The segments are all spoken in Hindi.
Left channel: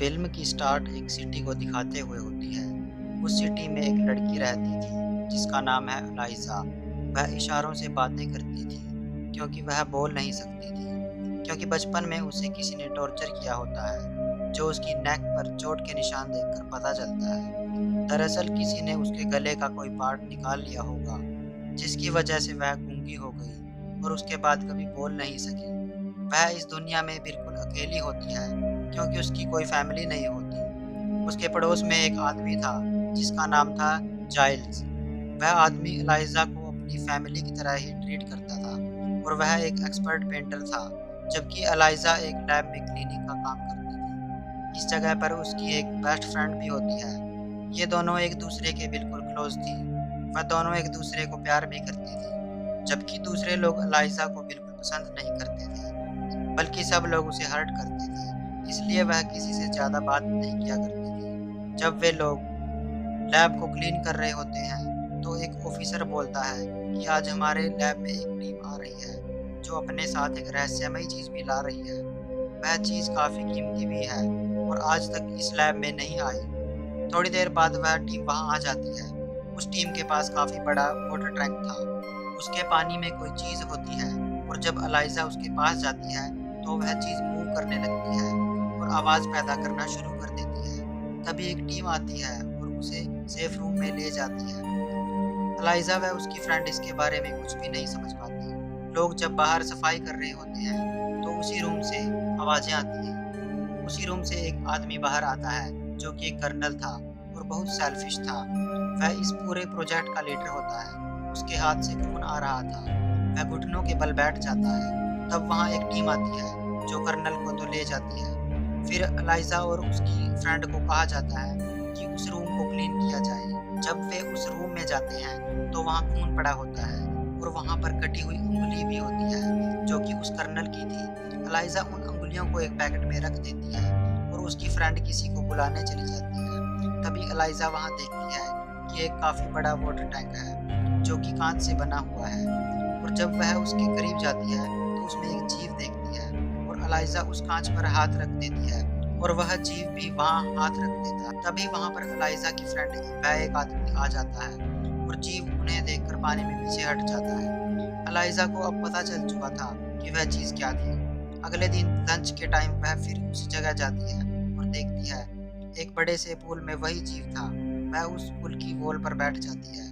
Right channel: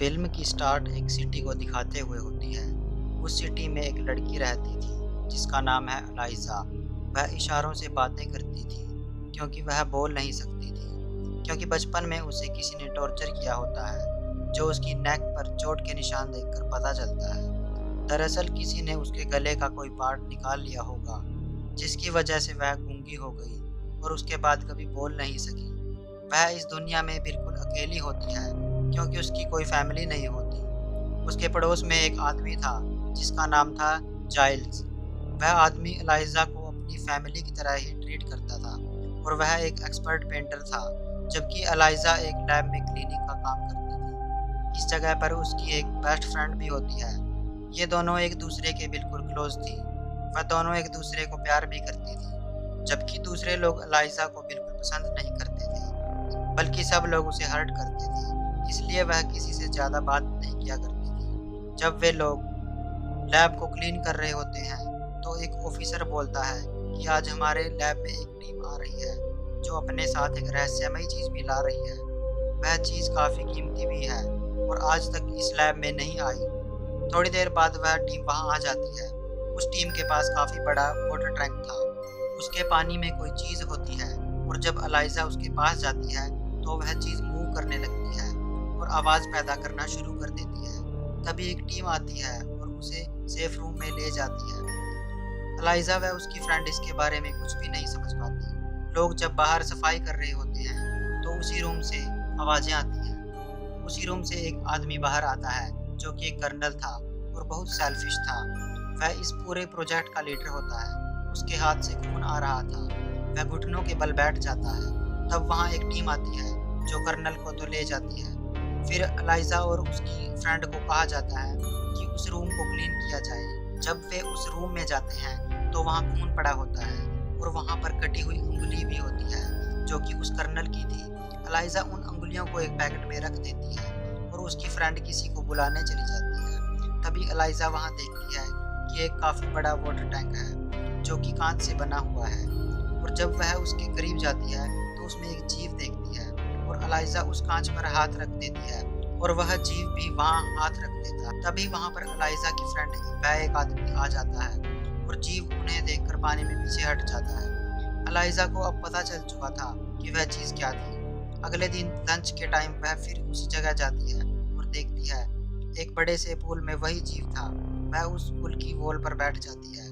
फिल्म की स्टार्ट एक सिटी को दिखाते हुए होती है। उस सिटी में एक लड़की रहती थी जिसका नाम है एलाइज़ा। वह इशारों से बातें करती थी क्योंकि वह बोल नहीं सकती थी, क्योंकि बचपन में उसे किसी ने टॉर्चर किया होता है, जो उसकी नेक पर चोट के निशान देखकर पता चलता है। दरअसल किसी ने उसके गले का कोई पार्ट निकाल लिया होगा, जिसकी वजह से वह गूंगी हो गई और उसके बाद कभी बोल नहीं सकी। वह इस दुनिया में बिल्कुल अकेली होती है क्योंकि उसकी कोई फैमिली नहीं होती। उसके पड़ोस में एक आदमी था जिसका नाम था जाइल्स। वह आदमी एलाइज़ा को अपनी फैमिली की तरह ही ट्रीट करता था और वह एक एक्सपर्ट पेंटर था, जबकि एलाइज़ा एक लैब में क्लीनिंग का काम करती थी। इस जगह पर उसकी एक बेस्ट फ्रेंड भी होती है। ये दोनों एक दूसरे के बिल्कुल क्लोज थी। वह दोनों एक दूसरे को प्यार भी करती थी, जबकि दूसरे लोग एलाइज़ा को बिल्कुल पसंद नहीं करते थे, बल्कि सब लोग उसे हर्ट करते थे। इसलिए वह किसी से ज़्यादा बात नहीं किया करती थी। जब वे लोग लैब को क्लीन कर रहे होते हैं, तो एक ऑफिसर बोलता है कि आज हमारे लैब में एक टीम आ रही है, जो अपने साथ एक रहस्यमयी चीज़ भी ला रही है। वह चीज़ काफ़ी कीमती भी है और आज तक इस लैब में नहीं आई। थोड़ी देर बाद वह टीम वहाँ आ जाती है। उस टीम के पास काफ़ी बड़ा वाटर टैंक था। उसके पानी में कोई चीज़ होती है और जब एलाइज़ा उसके पास जाती है, तो वह चीज़ मूव करने लगती है और आवाज़ पैदा करना शुरू कर देती है। तभी एक टीम आती है और उसे सेफ रूम में ले जाती है। एलाइज़ा व उसकी फ्रेंड इसके बारे में कुछ भी नहीं समझ पाती। लोग जब बाहर सफाई कर रहे होते हैं, तो उसी रूम से आवाज़ें आती हैं। उसी रूम से एक आदमी बाहर आता है, जो कि एक कर्नल था और बहुत सेल्फिश था। वह इस पूरे प्रोजेक्ट का लीडर होता है। उसके हाथ से खून आ रहा था। वह घुटनों के बल बैठ जाता है। तब वहाँ एक टीम आती है, जो कर्नल को तो ले जाती है। फिर एलाइज़ा और उसकी फ्रेंड को कहा जाता है कि उस रूम को क्लीन किया जाए। जब वे उस रूम में जाते हैं, तो वहाँ खून पड़ा होता है और वहाँ पर कटी हुई उँगली भी होती है, जो कि उस कर्नल की थी। एलाइज़ा उन उँगलियों को एक पैकेट में रख देती है और उसकी फ्रेंड किसी को बुलाने चली जाती है। तभी एलाइज़ा वहाँ देखती है कि एक काफ़ी बड़ा वाटर टैंक है, जो कि काँच से बना हुआ है, और जब वह उसके करीब जाती है, तो उसमें एक जीव देखती है और एलाइज़ा उस काँच पर हाथ रख देती है और वह जीव भी वहाँ हाथ रख देता है। तभी वहाँ पर एलाइज़ा की फ्रेंड वह एक आदमी आ जाता है और जीव उन्हें देखकर पानी में पीछे हट जाता है। एलाइज़ा को अब पता चल चुका था कि वह चीज़ क्या थी। अगले दिन लंच के टाइम वह फिर उसी जगह जाती है और देखती है एक बड़े से पूल में वही जीव था। वह उस पुल की वॉल पर बैठ जाती है।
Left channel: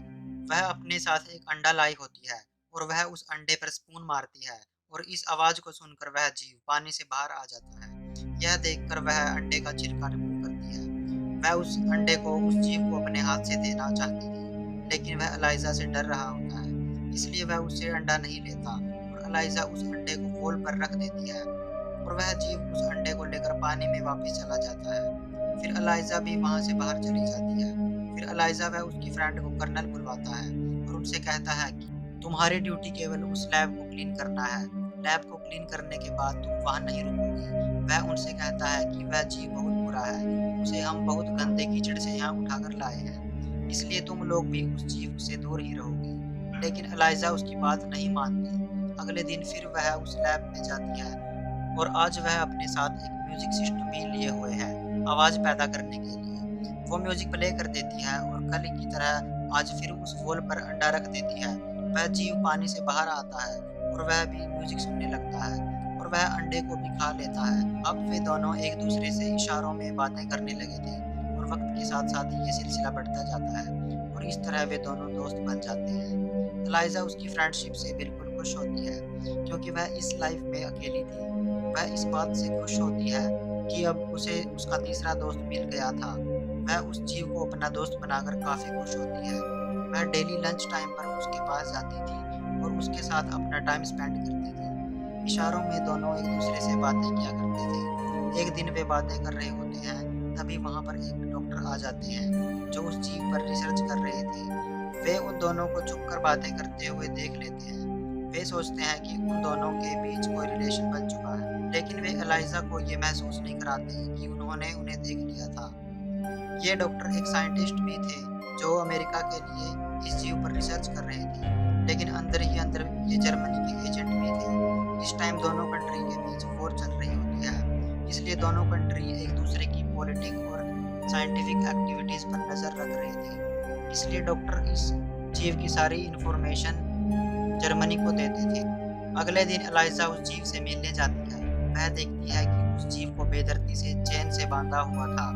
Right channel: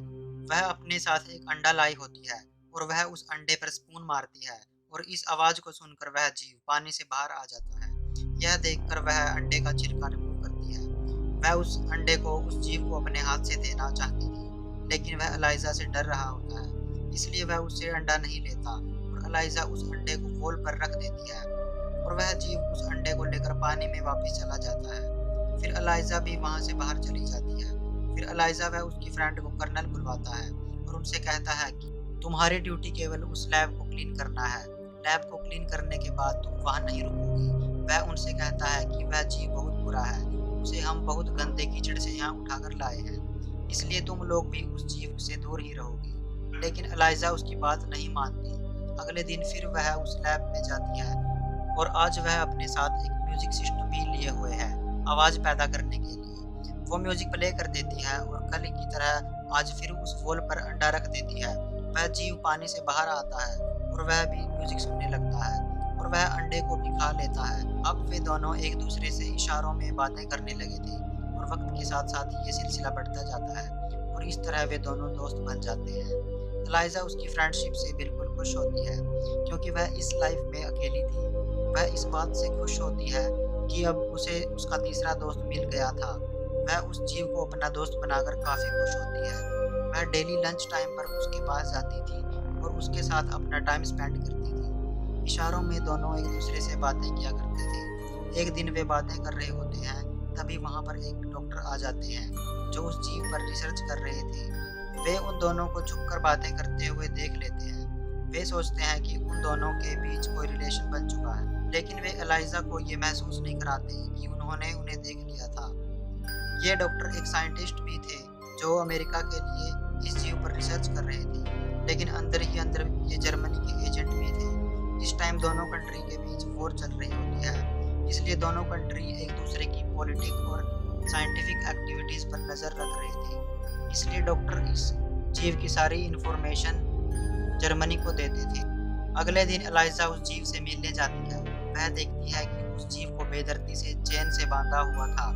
वह अपने साथ एक अंडा लाई होती है और वह उस अंडे पर स्पून मारती है और इस आवाज़ को सुनकर वह जीव पानी से बाहर आ जाता है। यह देखकर वह अंडे का छिलका रिमूव करती है। वह उस अंडे को उस जीव को अपने हाथ से देना चाहती थी, लेकिन वह एलाइज़ा से डर रहा होता है, इसलिए वह उससे अंडा नहीं लेता और एलाइज़ा उस अंडे को वॉल पर रख देती है और वह जीव उस अंडे को लेकर पानी में वापस चला जाता है। फिर एलाइज़ा भी वहाँ से बाहर चली जाती है। फिर एलाइज़ा वह उसकी फ्रेंड को कर्नल बुलवाता है और उनसे कहता है कि तुम्हारी ड्यूटी केवल उस लैब को क्लीन करना है। लैब को क्लीन करने के बाद तुम वहाँ नहीं रुकोगी। वह उनसे कहता है कि वह जीव बहुत बुरा है, उसे हम बहुत गंदे कीचड़ से यहाँ उठाकर लाए हैं, इसलिए तुम लोग भी उस जीव से दूर ही रहोगी। लेकिन एलाइज़ा उसकी बात नहीं मानती। अगले दिन फिर वह उस लैब में जाती है और आज वह अपने साथ एक म्यूजिक सिस्टम भी लिए हुए है, आवाज़ पैदा करने के लिए। वो म्यूजिक प्ले कर देती है और कल की तरह आज फिर उस वॉल पर अंडा रख देती है। वह जीव पानी से बाहर आता है और वह भी म्यूजिक सुनने लगता है और वह अंडे को भी खा लेता है। अब वे दोनों एक दूसरे से इशारों में बातें करने लगे थे और वक्त के साथ साथ ये सिलसिला बढ़ता जाता है और इस तरह वे दोनों दोस्त बन जाते हैं। एलाइज़ा उसकी फ्रेंडशिप से बिल्कुल खुश होती है, क्योंकि वह इस लाइफ में अकेली थी। वह इस बात से खुश होती है कि अब उसे उसका तीसरा दोस्त मिल गया था। वह उस जीव को अपना दोस्त बनाकर काफ़ी खुश होती है। वह डेली लंच टाइम पर उसके पास जाती थी और उसके साथ अपना टाइम स्पेंड करती थी। इशारों में दोनों एक दूसरे से बातें किया करते थे। एक दिन वे बातें कर रहे होते हैं, तभी वहाँ पर एक डॉक्टर आ जाते हैं, जो उस जीव पर रिसर्च कर रहे थे। वे उन दोनों को छुपकर बातें करते हुए देख लेते हैं। वे सोचते हैं कि उन दोनों के बीच कोई रिलेशन बन चुका है, लेकिन वे एलाइज़ा को ये महसूस नहीं कराते कि उन्होंने उन्हें देख लिया था। ये डॉक्टर एक साइंटिस्ट भी थे, जो अमेरिका के लिए इस जीव पर रिसर्च कर रहे थे, लेकिन अंदर ही अंदर ये जर्मनी के एजेंट भी थे। इस टाइम दोनों कंट्री के बीच वॉर चल रही होती है। इसलिए दोनों कंट्री एक दूसरे की पॉलिटिक और साइंटिफिक एक्टिविटीज़ पर नज़र रख रहे थे। इसलिए डॉक्टर इस जीव की सारी इंफॉर्मेशन जर्मनी को देते थे। अगले दिन एलाइजा उस जीव से मिलने जाती है। वह देखती है कि उस जीव को बेदर्दी से चेन से बांधा हुआ था।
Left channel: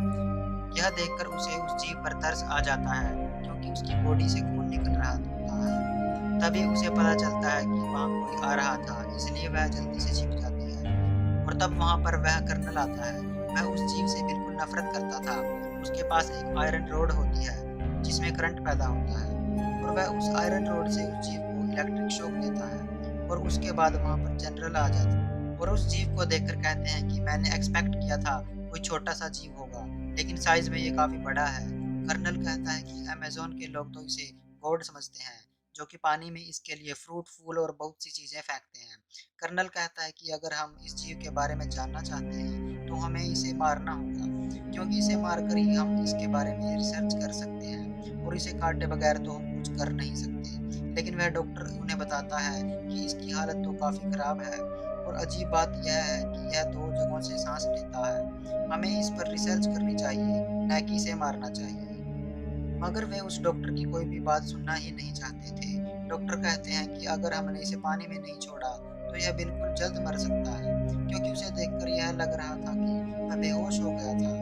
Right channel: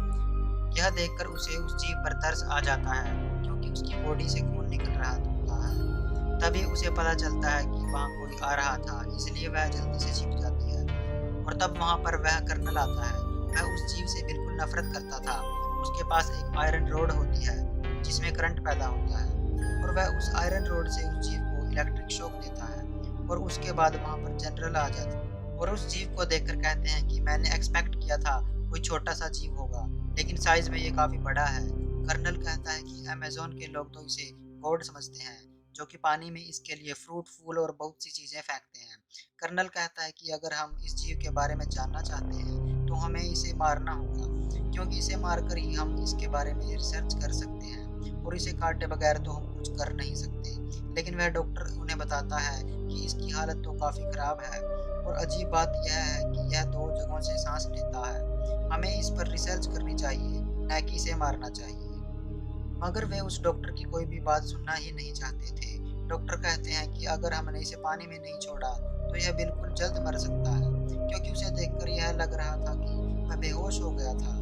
यह देखकर उसे उस जीव पर तरस आ जाता है, क्योंकि उसकी बॉडी से खून निकल रहा होता है। तभी उसे पता चलता है कि वहाँ कोई आ रहा था, इसलिए वह जल्दी से छिप जाती है। और तब वहाँ पर वह कर्नल आता है। वह उस जीव से बिल्कुल नफरत करता था। उसके पास एक आयरन रोड होती है जिसमें करंट पैदा होता है, और वह उस आयरन रोड से उस जीव को इलेक्ट्रिक शॉक देता है। और उसके बाद वहाँ पर जनरल आ जाता है और उस जीव को देखकर कहते हैं कि मैंने एक्सपेक्ट किया था कोई छोटा सा जीव होगा, लेकिन साइज में ये काफ़ी बड़ा है। कर्नल कहता है कि अमेज़न के लोग तो इसे गॉड समझते हैं, जो कि पानी में इसके लिए फ्रूट, फूल और बहुत सी चीज़ें फेंकते हैं। कर्नल कहता है कि अगर हम इस जीव के बारे में जानना चाहते हैं, तो हमें इसे मारना होगा, क्योंकि इसे मारकर ही हम इसके बारे में रिसर्च कर सकते हैं, और इसे काटे बगैर तो हम कुछ कर नहीं सकते। लेकिन वह डॉक्टर उन्हें बताता है कि इसकी हालत तो काफ़ी ख़राब है, और अजीब बात यह है कि यह 2 जगहों से सांस लेता है। हमें इस पर रिसर्च करनी चाहिए, न कि इसे मारना चाहिए। मगर वे उस डॉक्टर की कोई भी बात सुनना ही नहीं चाहते थे। डॉक्टर कहते हैं कि अगर हमने इसे पानी में नहीं छोड़ा, तो यह बिल्कुल जल्द मर सकता है, क्योंकि उसे देखकर यह लग रहा था कि वह बेहोश हो गया था।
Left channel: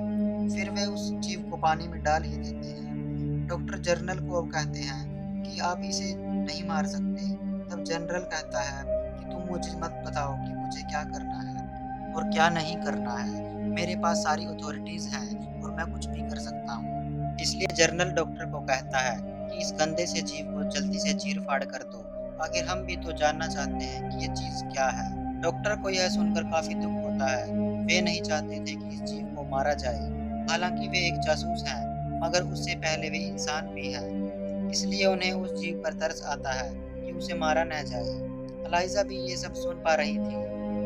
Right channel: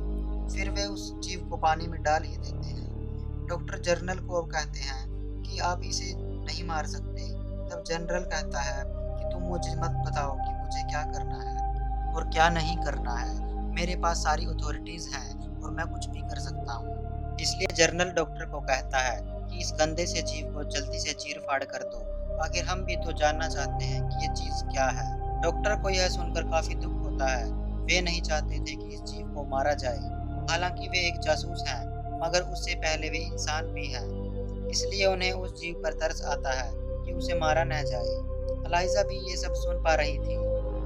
फिर वे उस जीव को पानी में डाल ही देते हैं। डॉक्टर जनरल को अब कहते हैं कि आप इसे नहीं मार सकते। तब जनरल कहता है कि तुम मुझे मत बताओ कि मुझे क्या करना है और क्या नहीं करना है। मेरे पास सारी अथॉरिटीज़ हैं और मैं कुछ भी कर सकता हूँ। इसलिए जनरल डॉक्टर को कहता है कि इस गंदे से जीव को जल्दी से चीर-फाड़ कर दो। आखिर हम भी तो जानना चाहते हैं कि ये चीज़ क्या है। डॉक्टर को यह सुनकर काफ़ी दुःख होता है। वे नहीं चाहते थे कि इस जीव को मारा जाए। हालाँकि वे एक जासूस हैं, मगर उससे पहले वे इंसान भी हैं। इसलिए उन्हें उस जीव पर तरस आता है कि उसे मारा न जाए। एलाइज़ा भी ये सब सुन पा रही थी।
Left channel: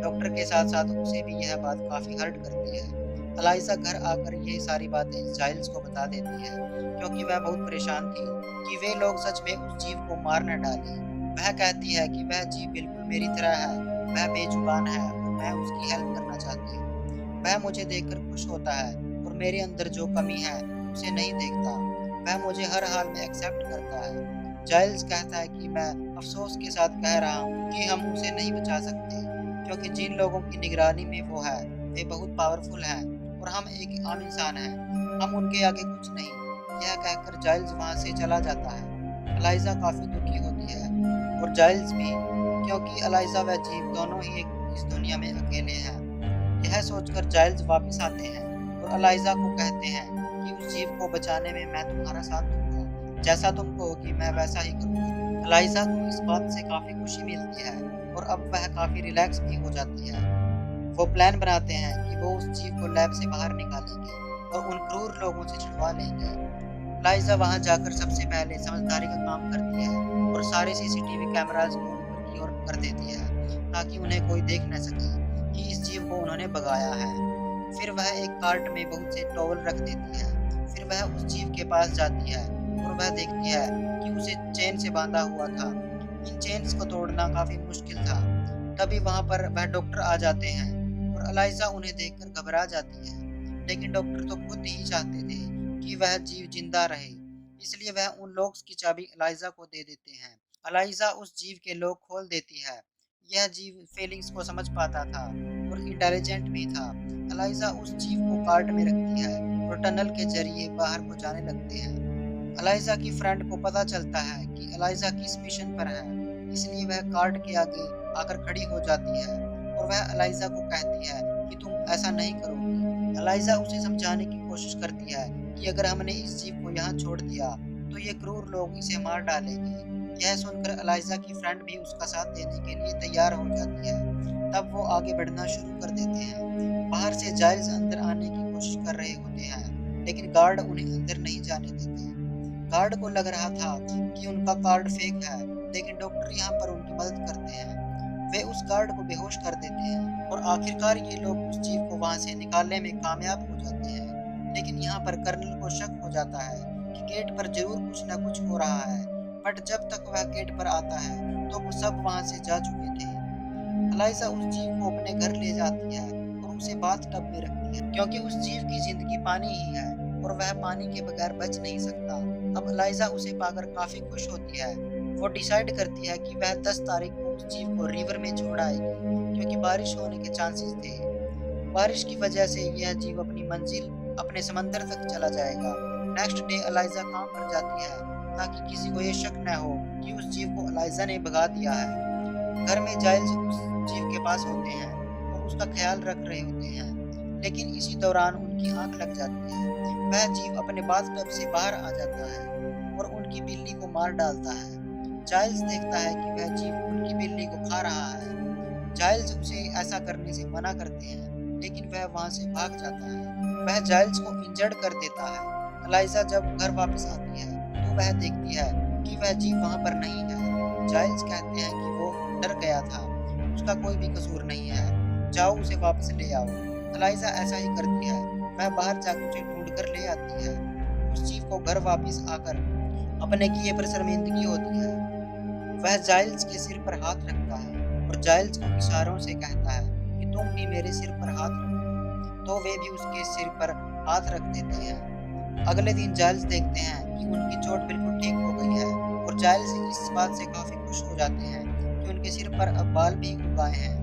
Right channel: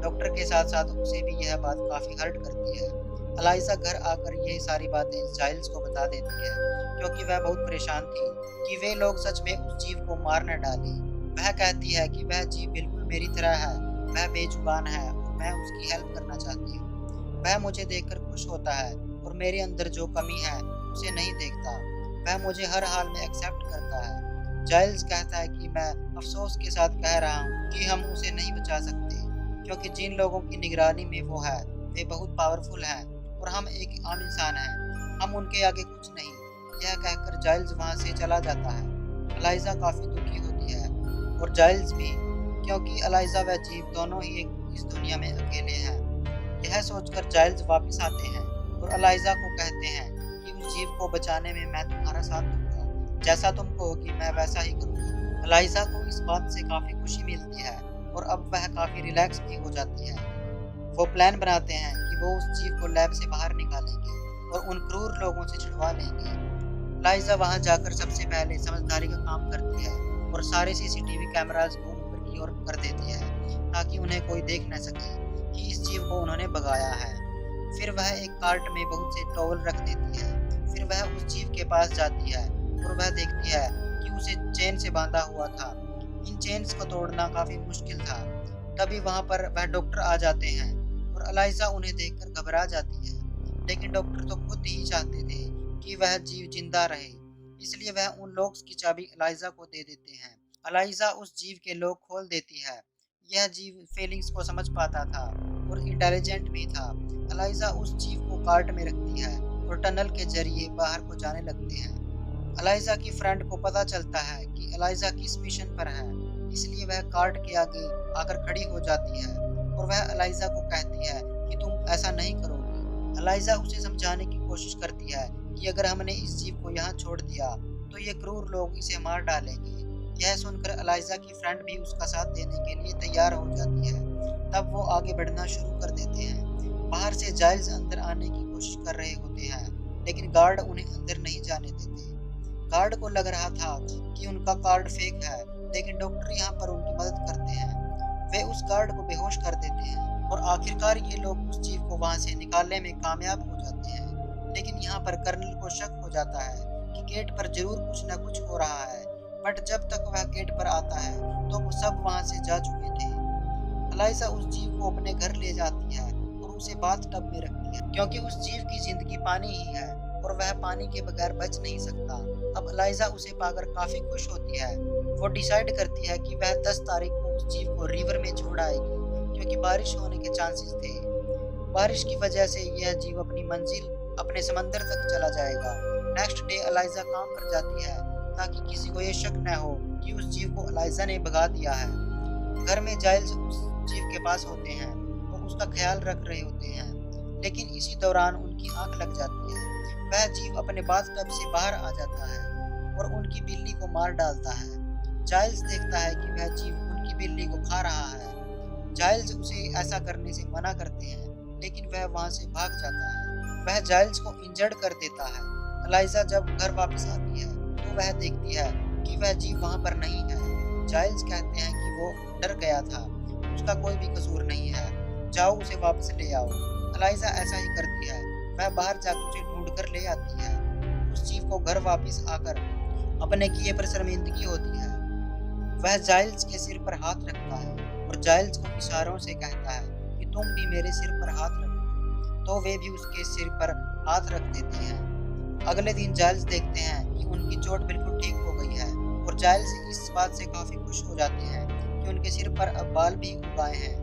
डॉक्टर के साथ-साथ उसे भी यह बात काफ़ी हर्ट करती है। एलाइज़ा घर आकर ये सारी बातें जाइल्स को बता देती है, क्योंकि वह बहुत परेशान थी कि वे लोग सच में उस जीव को मार न डालें। वह कहती है कि वह जीव बिल्कुल मेरी तरह है, वह बेजुबान है और मैं उसकी हेल्प करना चाहती हूँ। वह मुझे देखकर खुश होता है और मेरे अंदर जो कमी है उसे नहीं देखता। वह मुझे हर हाल में एक्सेप्ट करता है। जाइल्स कहता है कि मैं अफ़सोस के साथ कह रहा हूँ कि हम उसे नहीं बचा सकते, क्योंकि जिन लोगों की निगरानी में वो है, वे बहुत पावरफुल हैं और हम एक आम इंसान हैं, हम उनके आगे कुछ नहीं। यह कहकर जाइल्स वहाँ से चला जाता है। एलाइज़ा काफ़ी दुखी होती है और जाइल्स भी, क्योंकि एलाइज़ा व जीव दोनों ही इस दुनिया में अकेले हैं। यह सोचकर जाइल्स वापस आते हैं और एलाइज़ा को कहते हैं कि उस जीव को बचाने में मैं तुम्हारा साथ दूँगा। जैसा तुम कहोगी मैं वैसा ही करूँगा। एलाइज़ा को इस बात से काफ़ी खुशी मिलती है और अब वह काफ़ी रिलैक्स भी हो जाती है। वो प्लान बनाते हैं कि वो उस जीव को लैब से बाहर निकालेंगे और उन क्रूर लोगों से छुड़वा लेंगे। लाइज़ा वहाँ जाकर सबसे पहले समझदारी का काम करती है और सारे सीसीटीवी कैमराज़ को ऊपर की ओर कर देती है, ताकि उन्हें कोई देख न सके कि इस जीव को उन्होंने भगाया है। फिर वह एक कार्ट में बहुत से टॉवल रख देती है। फिर वह उस जीव के पास जाती है और वह देखती है कि उसे चेन से बांधा हुआ था। इन चेन्स को तोड़ना काफ़ी मुश्किल था। तभी वहाँ पर वह डॉक्टर आ जाते हैं और एलाइज़ा उन्हें देखकर घबरा जाती है। लेकिन डॉक्टर तो खुद ही चाहते थे कि वह जीव जिंदा रहे, इसलिए वह उन लॉक्स की चाबी एलाइज़ा को दे देते हैं। एलाइज़ा उस जीव के लॉक खोल देती है। यह जीव फीलिंग्स को समझ पाता था और इंटेलिजेंट भी था। एलाइज़ा उस जीव को कार्ट में रखती है और टनल के जरिए बाहर को जाने लगते हैं। एलाइज़ा की फ्रेंड को पता चलता है कि एलाइज़ा किस मिशन पर है, इसलिए वह कार्ट के आगे आकर खड़ी हो जाती है और वह एलाइज़ा को कहती है कि तुम ऐसा नहीं करोगी। एलाइज़ा उसे समझाने की कोशिश करती है कि अगर हमने इस जीव को यहाँ छोड़ दिया, तो ये क्रूर लोग इसे मार डालेंगे। यह सुनकर एलाइज़ा की फ्रेंड भी उसका साथ देने के लिए तैयार हो जाती है। तब वो आगे बढ़ना शुरू कर देते हैं। बाहर से जाइल्स अंदर आने की कोशिश कर रहे होते हैं, लेकिन गार्ड उन्हें अंदर नहीं जाने देते। गार्ड को लग रहा था कि उनका कार्ड फेक है, लेकिन डॉक्टर यहाँ पर उनकी मदद करते हैं। वे उस गार्ड को बेहोश कर देते हैं और आखिरकार ये लोग उस जीव को वहाँ से निकालने में कामयाब हो जाते हैं। लेकिन यहाँ पर कर्नल को शक हो जाता है कि गेट पर जरूर कुछ न कुछ हो रहा है, बट जब तक वह गेट पर आता है तो वो सब वहाँ से जा चुके थे। एलाइज़ा उस जीव को अपने घर ले जाती है और उसे बाथ टब में रखती है क्योंकि उस जीव की जिंदगी पानी ही है और वह पानी के बगैर बच नहीं सकता। अब एलाइजा उसे पाकर काफी खुश होती है। वो डिसाइड करती है कि वह 10 तारीख को उस जीव को रिवर में छोड़ आएगी क्योंकि बारिश होने के चांसेस थे। बारिश की वजह से यह जीव अपनी मंजिल अपने समंदर तक चला जाएगा। नेक्स्ट डे एलाइजा काम पर जाती है ताकि किसी को ये शक न हो कि उस जीव को एलाइजा ने भगा दिया है। घर में जाइल्स उस जीव के पास होते हैं और उसका ख्याल रख रहे होते हैं, लेकिन इसी दौरान उनकी आंख लग जाती है। वह जीव अपने बाथटब से बाहर आ जाता है और उनकी बिल्ली को मार डालता है। जाइल्स देखता है कि वह जीव उनकी बिल्ली को खा रहा है। जाइल्स उसे ऐसा करने से मना करते हैं, लेकिन वह वहां से भाग जाता है। वह जाइल्स को इंजर्ड कर देता है। एलाइजा जब घर वापस आती है तो वह देखती है कि वह जीव वहां पर नहीं है। जाइल्स कहते हैं कि वो डर गया था, उसका कोई भी कसूर नहीं है, जाओ उसे वापस ले आओ। एलाइजा ऐसा ही करती है। वह बाहर जाकर उसे ढूंढ कर ले आती है। उस जीव को घर वापस आकर अपने किए पर शर्मिंदगी होती है। वह जाइल्स के सिर पर हाथ रखता है और जाइल्स को इशारों से कहता है कि तुम भी मेरे सिर पर हाथ रखो, तो वे भी उसके सिर पर हाथ रख देते हैं। अगले दिन जाइल्स देखते हैं कि उनकी चोट बिल्कुल ठीक हो गई है और जाइल्स इस बात से काफी खुश हो जाते हैं कि उनके सिर पर अब बाल भी उग आए हैं।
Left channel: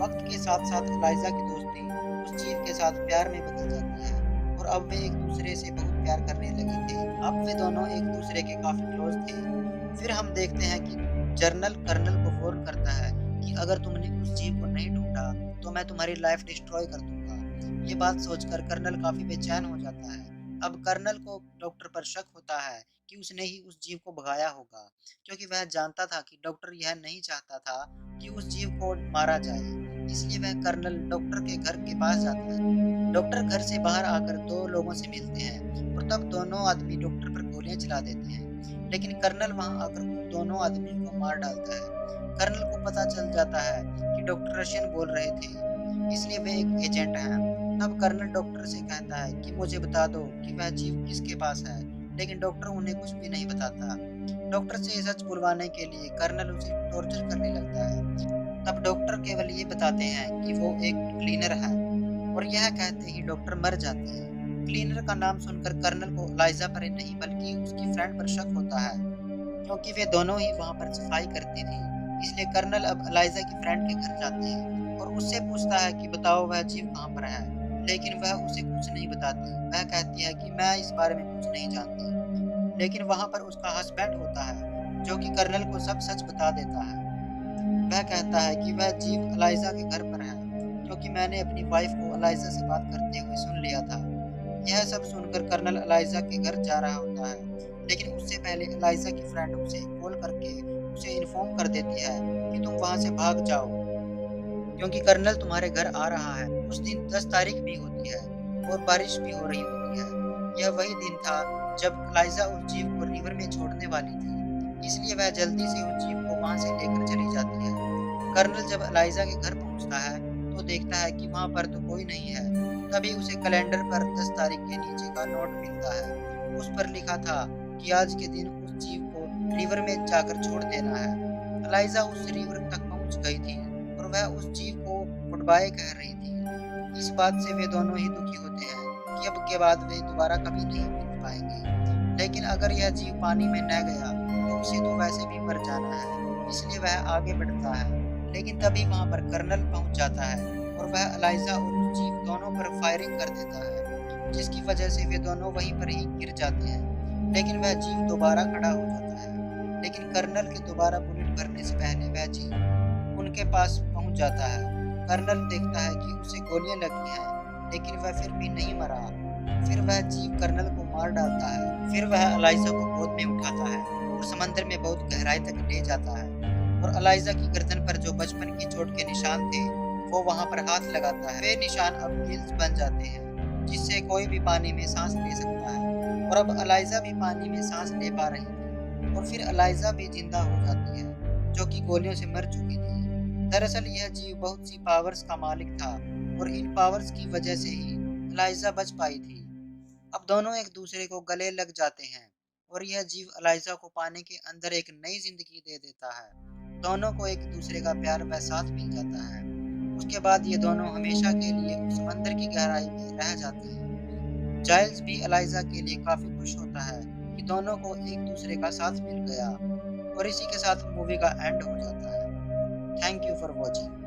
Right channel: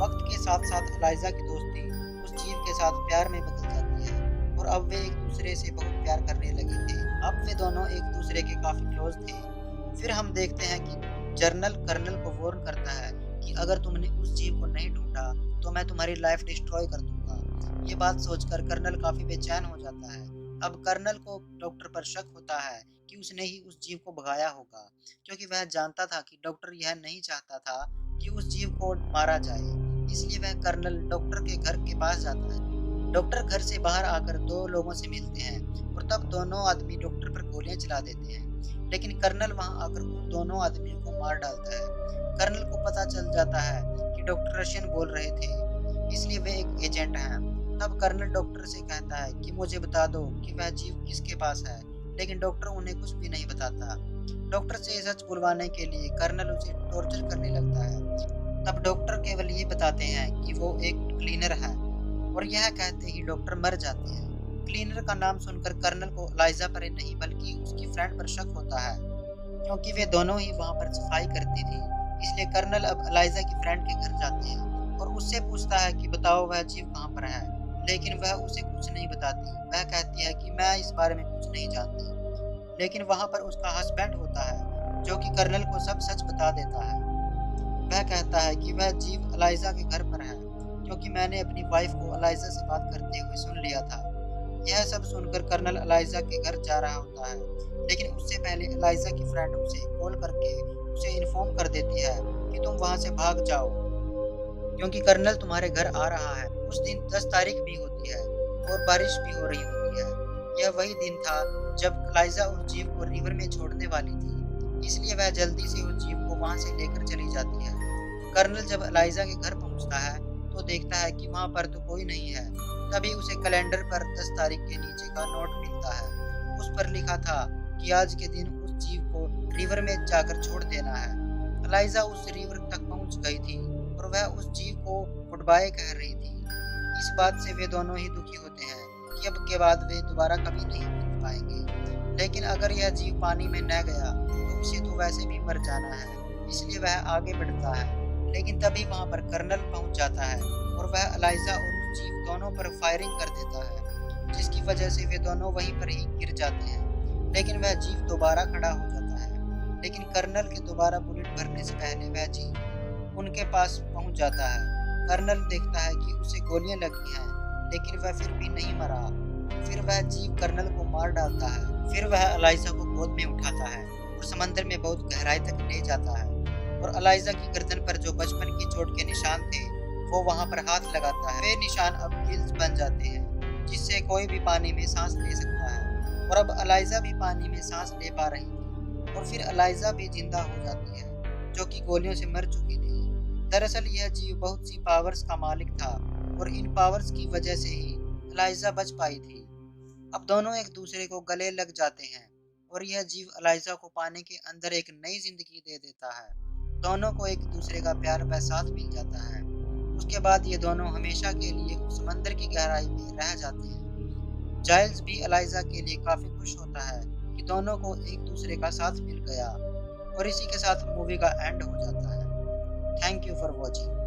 वक्त के साथ साथ एलाइजा की दोस्ती उस जीव के साथ प्यार में बदल जाती है और अब वे एक दूसरे से बहुत प्यार करने लगे थे। अब वे दोनों एक दूसरे के काफी क्लोज थे। फिर हम देखते हैं कि जर्नल कर्नल को वार्न करता है कि अगर तुमने उस जीव को नहीं ढूंढा तो मैं तुम्हारी लाइफ डिस्ट्रॉय कर दूंगा। ये बात सोचकर कर्नल काफी बेचैन हो जाता है। अब कर्नल को डॉक्टर पर शक होता है कि उसने ही उस जीव को भगाया होगा, क्योंकि वह जानता था कि डॉक्टर यह नहीं चाहता था कि उस जीव को मारा जाए। इसलिए वह कर्नल डॉक्टर के घर के पास जाता है। डॉक्टर घर से बाहर आकर दो लोगों से मिलते हैं और तब दोनों आदमी डॉक्टर पर गोलियां चला देते हैं, लेकिन कर्नल वहां आकर उन दोनों आदमियों को मार डालता है। कर्नल को पता चल जाता है कि डॉक्टर रशियन बोल रहे थे, इसलिए वे एक एजेंट हैं। तब कर्नल डॉक्टर से कहता है कि मुझे बता दो कि वह जीव किसके पास है, लेकिन डॉक्टर उन्हें कुछ भी नहीं बताता। डॉक्टर से सच बुलवाने के लिए कर्नल उसे टॉर्चर करने लगता है। तब डॉक्टर केवल ये बताते हैं कि वो एक क्लीनर है और यह कहते ही डॉक्टर मर जाते हैं। क्लीनर का नाम सुनकर कर्नल को एलाइजा पर नहीं बल्कि उसकी फ्रेंड पर शक होता है, क्योंकि वे दोनों ही वहां पर सफाई करती थी। इसलिए कर्नल अब एलाइजा की फ्रेंड के घर जाते हैं और उससे पूछता है कि बताओ वह जीव कहाँ पर है, लेकिन वह उसे कुछ नहीं बताती। वह कहती है कि मैं इस बारे में कुछ नहीं जानती, लेकिन वहां पर उसका हस्बैंड होता है जो कि कर्नल को सब सच बता देता है। वह कहता है कि वह जीव एलाइजा के घर पर है, क्योंकि मैंने अपनी वाइफ को एलाइजा से बात करते हुए सुन लिया था। यह सब सुनकर कर्नल एलाइजा के घर जा रहा होता है, लेकिन उससे पहले एलाइजा की फ्रेंड उसे कॉल करके उसे इन्फॉर्म कर देती है कि तुम वहां से भाग जाओ, क्योंकि कर्नल तुम्हारे घर आ रहा है। उस दिन 10 तारीख भी होती है और बारिश भी हो रही होती है। यह वही दिन था जब एलाइजा उस जीव को रिवर में छोड़ने वाली थी, इसलिए वह जल्दी से उस जीव को वहां से लेकर चली जाती है। कर्नल जब एलाइजा के घर पहुंचता है तो देखता है कि वहां पर तो कोई नहीं है। तभी उसे कैलेंडर पर 10 तारीख के नीचे का नोट मिलता है। उस पर लिखा था कि आज के दिन उस जीव को रिवर में जाकर छोड़ देना है। एलाइजा उस रिवर तक पहुंच गई थी और वह उस जीव को गुड बाय कह रही थी। इस बात से वे दोनों ही दुखी होते हैं कि अब के बाद वे दोबारा कभी नहीं मिल पाएंगे। लेकिन अगर यह जीव पानी में न गया तो उसे तो वैसे भी मर जाना है, इसलिए वह आगे बढ़ता है। लेकिन तभी वहां पर कर्नल पहुंच जाता है और वह एलाइजा और उस जीव दोनों पर फायरिंग कर देता है, जिसकी वजह से वे दोनों वहीं पर ही गिर जाते हैं। लेकिन वह जीव दोबारा खड़ा हो जाता है, लेकिन कर्नल के दोबारा बुलेट भरने से पहले वह जीव उनके पास पहुंच जाता है। कर्नल देखता है कि उसे गोलियां लगी हैं, लेकिन वह फिर भी नहीं मरा। फिर वह जीव कर्नल को मार डालता है। फिर वह एलाइजा को गोद में उठाता है और समंदर में बहुत गहराई तक ले जाता है और एलाइजा की गर्दन पर जो बचपन की चोट के निशान थे वो वहां पर हाथ लगाता है। वे निशान अब गिल्स बन जाते हैं, जिससे कोई भी पानी में सांस ले सकता है और अब एलाइजा भी पानी में सांस ले पा रही थी। और फिर एलाइजा भी जिंदा हो जाती है, जो कि गोलियों से मर चुकी थी। दरअसल यह जीव बहुत सी पावर्स का मालिक था और इन पावर्स की वजह से ही एलाइजा बच पाई थी। अब दोनों एक दूसरे को गले लग जाते हैं और यह जीव एलाइजा को पाने के अंदर एक नई जिंदगी दे देता है। दोनों को एक दूसरे का प्यार व साथ मिल जाता है उसके बाद ये दोनों हमेशा के लिए उस समंदर की गहराई में रह जाते हैं। जाइल्स भी एलाइजा के लिए काफ़ी खुश होता है कि दोनों को एक दूसरे का साथ मिल गया और इसी के साथ मूवी का एंड हो जाता है। Thank you for watching.